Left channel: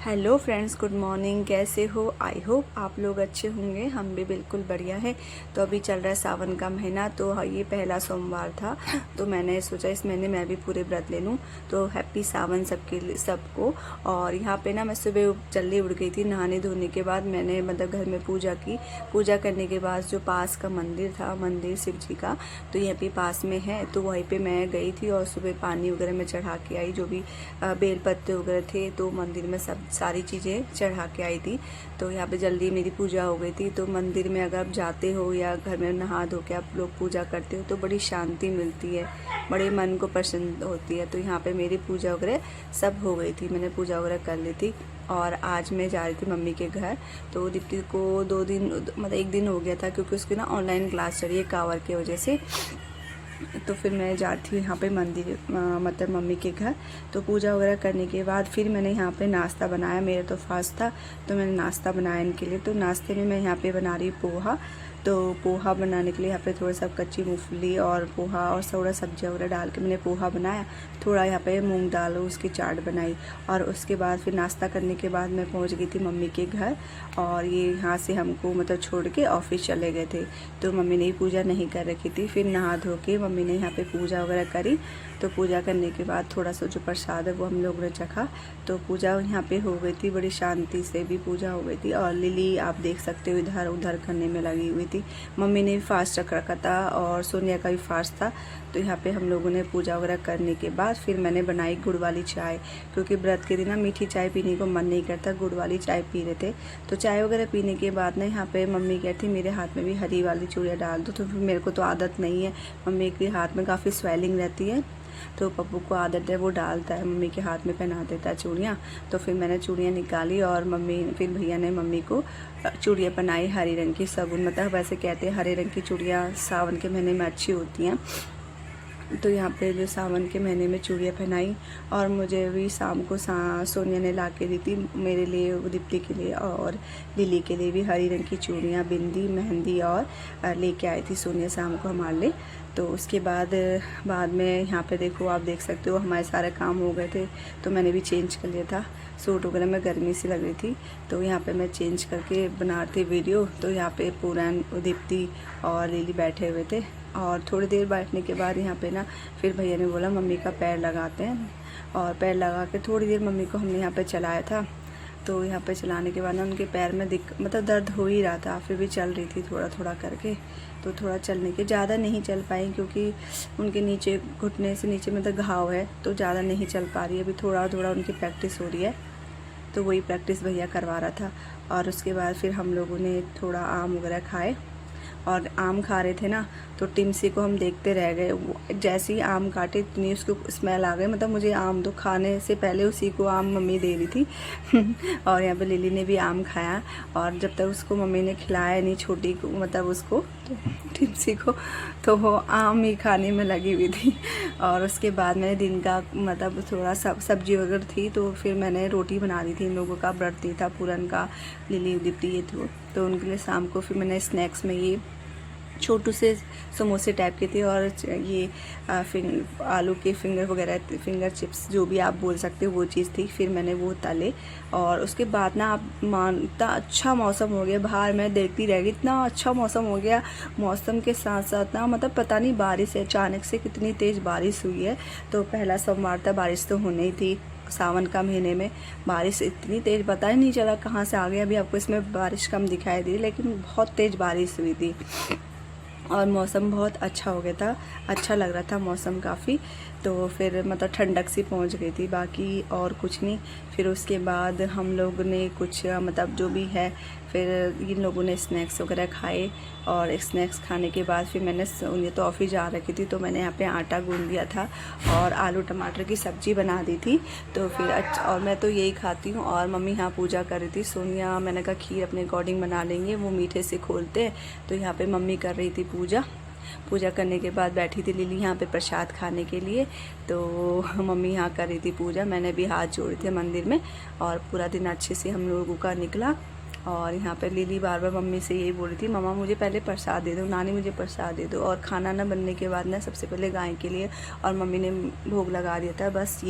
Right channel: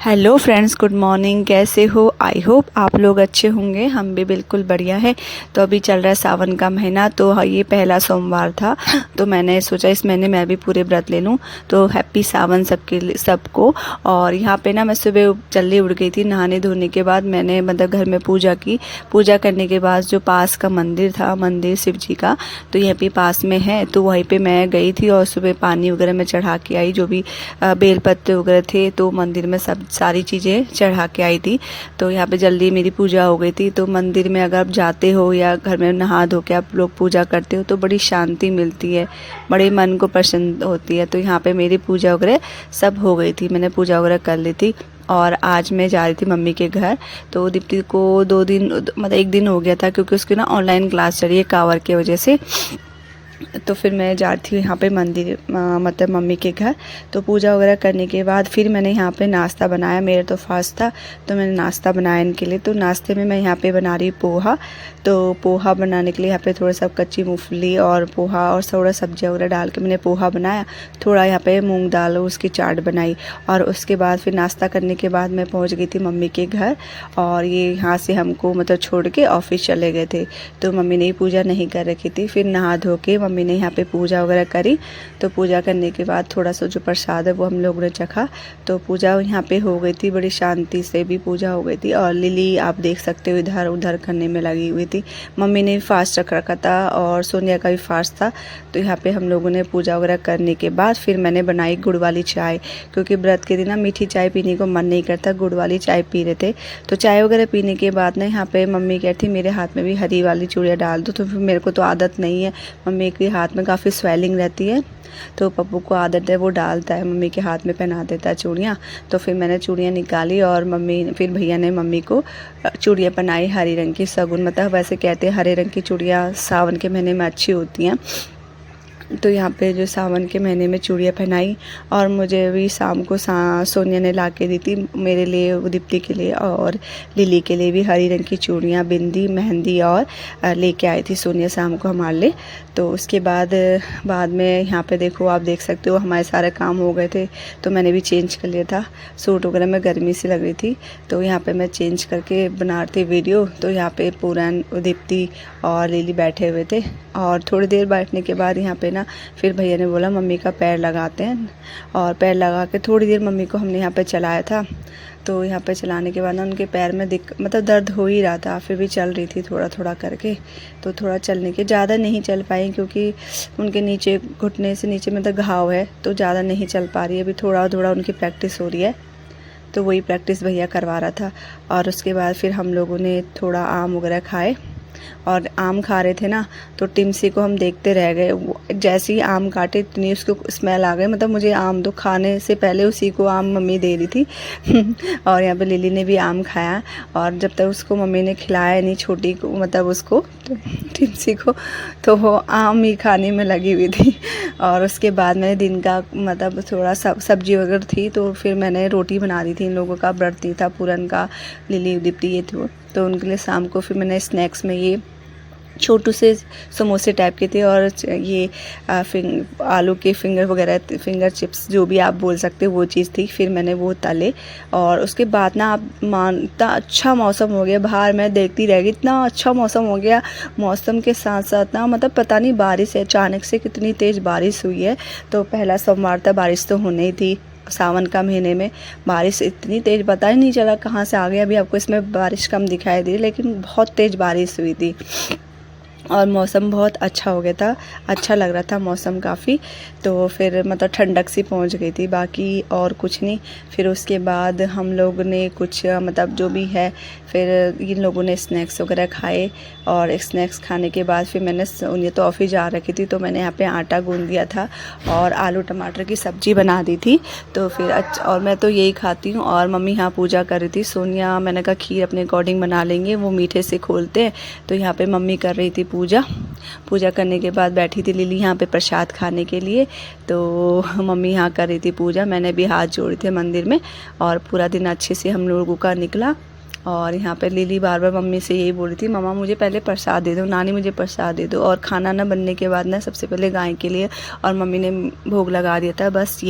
Hello friends, good morning. कैसे हो? I hope आप लोग अच्छे होंगे। हम भी बिल्कुल बढ़िया है। तो अभी चल रहा है सावन का महीना, तो ये पहला सोमवार था, तो मैंने सोचा इस महीने मैं भी पूरे व्रत ले लूँ। तो हैप्पी सावन सबको। और यहाँ पे ना मैं सुबह जल्दी उठ गई थी। नहाने धोने के बाद मैंने मतलब घर में पूजा की। पूजा करने के बाद जो पास का मंदिर था, मंदिर शिव जी का, तो यहाँ पे पास में है, तो वहीं पे मैं गई थी और सुबह पानी वगैरह मैं चढ़ा के आई। जो भी बेलपत्ते वगैरह थे, तो मंदिर में सब सारी चीज़ें चढ़ा के आई थी। तो यहाँ पे जल्दी मेरी पूजा हो गई थी। तो मंदिर में अगर आप जाते हो या घर में नहा धो के आप लोग पूजा करते हो तो बड़ी शांति मिलती है, बड़े मन को प्रसन्न होती है। तो यहाँ पे मेरी पूजा वगैरह सब हो गई थी, मैंने पूजा वगैरह कर ली थी। और आज मैं जा रही थी मम्मी के घर। तो दीप्ति को 2 दिन मतलब 1 दिन हो गया था, क्योंकि उसकी ना ऑनलाइन क्लास चल रही है कांवर की वजह से। तो फिर मैं जा रही थी यहाँ पे मंदिर मतलब मम्मी के घर। तो पूजा वगैरह करने के बाद फिर मैंने यहाँ पे नाश्ता बनाया। मेरा तो फास्ट था, तो मैंने नाश्ता बनाया इनके लिए। तो नाश्ते में मैं यहाँ पे बना रही पोहा। तो पोहा बनाने के लिए यहाँ पे थोड़ा सा कच्ची मूंगफली और पोहा और थोड़ा सब्जियाँ वगैरह डाल के मैंने पोहा बनाया। थोड़ा यहाँ पे मूंग दाल उसकी चाट बनाई। और उसके बाद फिर नाश्ता करने के बाद मैं पहुँच गई थी मम्मी के घर। और ये यहाँ से हमको मतलब छोड़ के ऑफिस चले गए थे। तो मम्मी ने पूजा नहीं कर रखी थी। फिर नहा धो के मम्मी ने यहाँ पे पूजा वगैरह करी। तो पूजा करने के बाद थोड़ा सा जो प्रसाद है वो हम लोगों ने चखा। तो पूजा यहाँ पे हो गई थी, बड़ी शांति से भी पूजा हो गई थी। और लिली आप देख सकते हो इधर उधर करने में लगी हुई थी। मम्मी ने भी फास्ट रख रखा था और सोनिया का भी फास्ट था। तो यहाँ पे हम लोगों ने पूजा वगैरह करने के बाद फिर मैंने बनाई गुड़ वाली चाय, क्योंकि व्रत के दिन ना मीठी चाय पीने को मन नहीं करता, गुड़ वाली चाय पी रहे थे। तो चाय वगैरह पीने के बाद ना यहाँ पे मम्मी कहती मेरे हाथ में भी हरी वाली चूड़ियाँ डाल दो। तो फिर मेरे को तो आदत नहीं है, मम्मी के हाथ में काफ़ी स्वेलिंग रहती है, तो पप्पू को आदत है, वो डालता है, मम्मी के हाथ में पहना देता है चूड़ियाँ। तो फिर मैंने चूड़ियाँ निकाली और फिर भैया ने मम्मी को चूड़ियाँ पहनाई हरी रंग की। शगुन मतलब वैसे कहते हैं हरे रंग की चूड़ियाँ सावन के महीने में अच्छी होती हैं। तो यहाँ पे जो सावन के महीने में चूड़ियाँ पहनाई। और मुझे भी शाम को सोनिया ने ला के दी थी मेरे लिए, दीप्ति के लिए और लिली के लिए भी हरी रंग की चूड़ियाँ, बिंदी, मेहंदी और लेके आई थी सोनिया शाम को हमारे लिए। तो उसके बाद में यहाँ पे देखो, आप देख सकते हो हमारे सारे काम हो गए थे। तो मैंने भी चेंज कर लिया था, सूट वगैरह में गर्मी सी लग रही थी। तो यहाँ पे मैं चेंज करके बना रही थी वीडियो। तो यहाँ पे पूरा दीप्ति और लिली बैठे हुए थे। और थोड़ी देर बैठने के बाद यहाँ पे ना फिर भैया ने बोला मम्मी का पैर लगाते हैं। और पैर लगा के थोड़ी देर मम्मी को हमने यहाँ पे चलाया था। तो यहाँ पे चलाने के बाद ना उनके पैर में मतलब दर्द हो ही रहा था, फिर भी चल रही थी थोड़ा थोड़ा करके। तो थोड़ा चलने के ज़्यादा नहीं चल पाई, क्योंकि उनके नीचे घुटने से नीचे मतलब घाव है, तो ज़्यादा नहीं चल पा रही है। अभी थोड़ा थोड़ा उनकी प्रैक्टिस हो रही है, तो वही प्रैक्टिस भैया करवा रहा था। और उसके बाद फिर हम लोगों ने थोड़ा आम वगैरह खाए। और आम खा रहे थे ना, तो टिमसी को हम देखते रह गए। वो जैसे ही आम काटे इतनी उसको स्मेल आ गई, मतलब मुझे आम तो खाने से पहले उसी को आम मम्मी दे रही थी। और यहाँ पे लिली ने भी आम खाया। और जब तक उसको मम्मी ने खिलाया नहीं, छोटी को मतलब उसको तो टिमसी को, तो वो आम ही खाने में लगी हुई थी। और उसके बाद मैंने दिन का मतलब थोड़ा सब्जी वगैरह थी, तो फिर मैंने रोटी बना दी थी। इन लोगों का व्रत था पूरन का, लिली दीप्ति ये तो उनके लिए शाम को फिर मैंने स्नैक्स में ये छोटू से समोसे टाइप के थे। और ये आलू के फिंगर वगैरह, फिंगर चिप्स जो भी आप बोल सकते हो, वो चीज़ थी। फिर मैंने वो तले। और उसके बाद ना आप इतना अच्छा मौसम हो गया, बाहर मैं देखती रह गई, इतना अच्छा मौसम हो गया। मौसम के साथ साथ ना मतलब पता नहीं बारिश है, अचानक से कितनी तेज़ बारिश हुई है। तो पहला सोमवार था, बारिश तो होनी ही थी। सावन का महीने में बारिश इतनी तेज़ पता ही नहीं चला कहाँ से आ गया। अभी आपको इसमें बारिश कम दिखाई दी, लेकिन बहुत तेज़ बारिश हुई थी। और मौसम बहुत अच्छा हो गया था, अच्छा लग रहा था मौसम काफ़ी। तो फिर मतलब ठंडक सी पहुंच गई थी, बाकी और कुछ नहीं। फिर उसके बाद हम लोग ने कुछ मतलब जो भी है, फिर इन लोगों ने स्नैक्स वगैरह खाए। और स्नैक्स खाने के बाद फिर मैंने, उन्हें तो ऑफिस जा रखी थी, तो मैंने यहाँ पे आटा गूंद दिया था और आलू टमाटर की सब्ज़ी बना दी थी। तो फिर और मैं तो यही खाती हूँ। और मम्मी यहाँ पूजा कर रही थी। सोनिया, मैंने कहा खीर अपने अकॉर्डिंग बना लेंगे, वो मीठे से खोलते हैं। तो यहाँ पे मम्मी कर रही थी पूजा करने के बाद बैठी थी लिली यहाँ पे प्रसाद खाने के लिए। तो मम्मी यहाँ कर रही थी पूजा, मैंने भी हाथ जोड़े थे मंदिर में। और पूरा दिन अच्छे से हम लोगों का निकला। और यहाँ पे लिली बार बार मम्मी से यही बोल रही थी, मम्मा मुझे पहले प्रसाद दे दो, नानी मुझे प्रसाद दे दो। और खाना ना बनने के बाद ना सबसे पहले गाय के लिए और मम्मी ने भोग लगा दिया था, बस